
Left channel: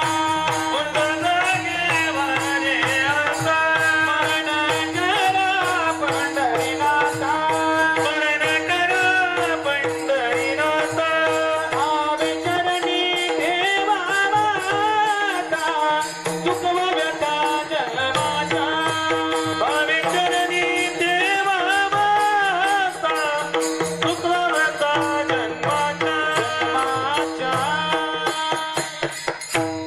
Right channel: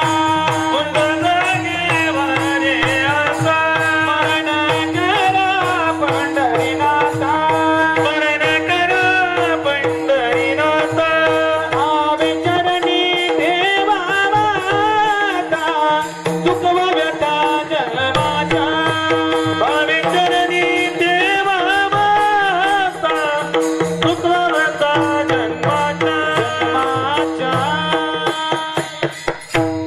उठा जागे वारे आता, मरण करा पंढरीनाथा, मरण करा पंढरीनाथा, आवे चरणी देवा माता, दुःखवा व्यथा जन्माच्या, आवे चरणी देवा माता, दुःखवा व्यथा जन्माच्या.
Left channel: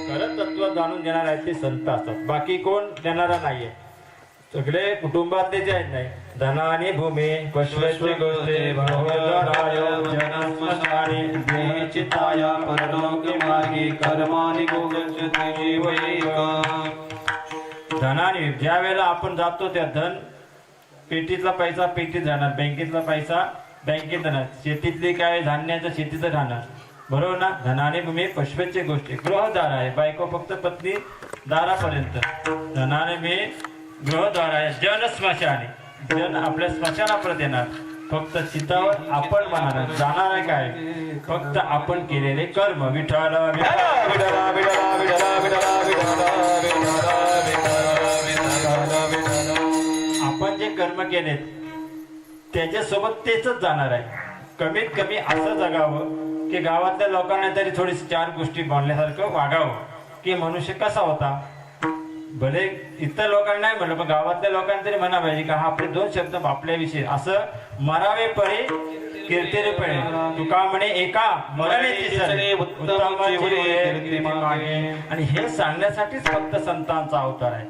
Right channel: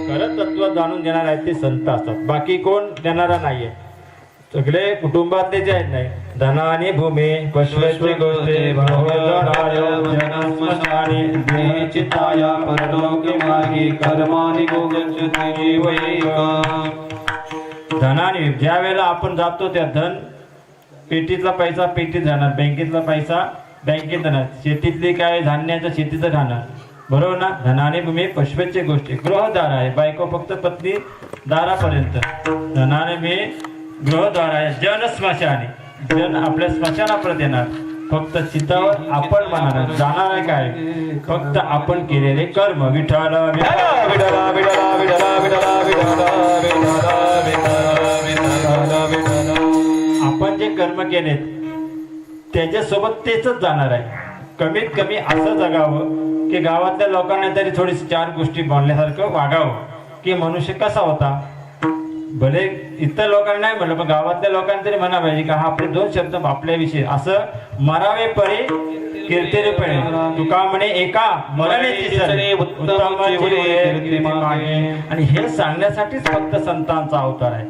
खरं तत्व जाणून घेणार आहेत ते संत असतात, बाकी कोण देणारा नाहीये. सगळे कुटुंबातले जे आहेत नाही, धनाने भूमी पश्वचे गोष्टे भगवंताय जनस्मशाने देचिताया परलोके मार्गी कर्मानि गोगच्छति जीवैक. धनाने ज्या वेळेला आपण जातो त्या धन पेटीतला पैसा पेटीत जाणार, बँकेतला पैसा बँकेत जाणार, शेतीतली काय धान्याचं शेतीचं राहणार, बरोबर ना. धनाने भूमी पश्वचे गोष्टी, गृहदार आहे, बायको फक्त पत्नी दारापर्यंत. धनाने मी गृहद्वार आहे, जन स्मशाने, जन आपल्या स्मशानापर्यंत येणार, फक्त चितावर आपण म्हणणार जाणार आहे काय, फक्त आपण केलेले कर्म. विठ्ठल विठ्ठल विठ्ठल विठ्ठल विठ्ठल विठ्ठल विठ्ठल विठ्ठल. आपण जे कर्म केलेत त्याच्यासोबत तेच जाणार आहे. कमीत कमी असं जगावं की गावातल्या लोकांना तरी थोडीशी चार गोष्टी बोलण्यासारखं वागावं की मनुष्य कसा होता. भले इतर लोकांना नाही म्हणलं, पण गावातल्या लोकांना तरी म्हणा पाहिजे का हा आपले दोन शब्द आपल्याविषयी असं मरावे परी कीर्तिरे पळे, तुका म्हणे एका मरणे तिसरे उत्तम कीर्ती मागे. आणि हे सांगण्यासाठीच फक्त संतांचा अवतार आहे.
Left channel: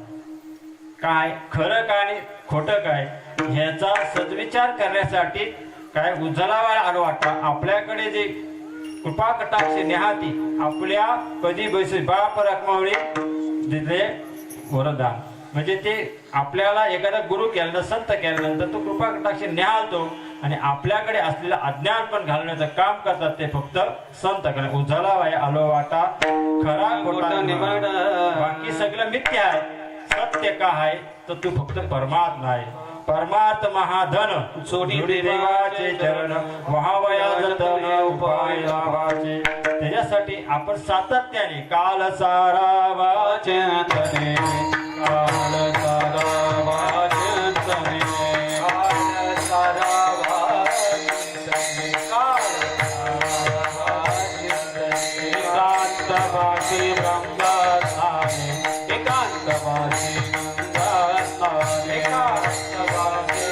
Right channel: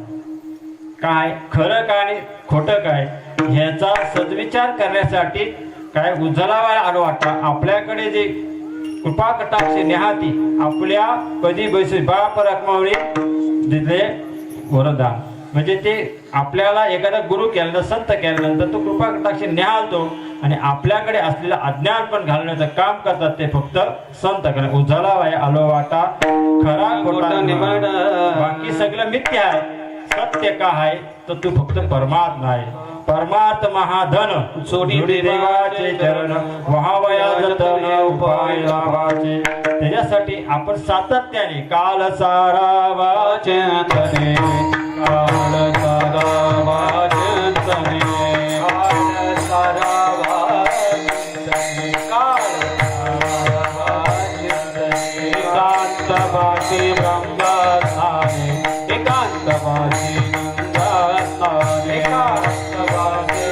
काय खरं काय आणि खोटं काय ह्याचा सद्विचार करण्यासाठी काय उजळावा आलो वाटता. आपल्याकडे जे कृपा कटाक्ष नेहाती आपल्या कधी बैसे बाप रखमावळी दिले वरदान, म्हणजे ते आपल्याला एखादा गुरु केल्यानंतर संत केल्यानंतर तो कृपा कटाक्ष निहाळतो आणि आपल्याकडे असलेलं अज्ञान पण घालण्याचं काम करतात ते फक्त संत करणे. उजळावा आलो वाटा खरा खोटा बाकी सगळं मिथ्य आहे. सत्य का आहे तर तू फक्त परमात्मा आहे. परमार्थ महाधन सोडी देवाचे चरण व्हावया जतन उपाय लाभाचे. त्याच्यासाठी आपण सातत्याने काल सारा वाचने, काल सारा वाचने, काल सारा वाचने, काल सारा वाचने. एकांतवासी ब्रह्मस्थाने, एकांतवासी ब्रह्मस्थाने, एकांतवासी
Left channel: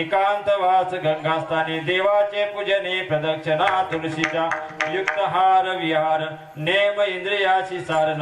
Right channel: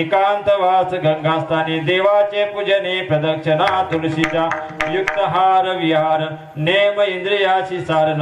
एकांतवास गंगास्थानी देवाचे पूजने प्रदक्षिणा तुळशीच्या युक्त हार विहार नेम इंद्रियाची सार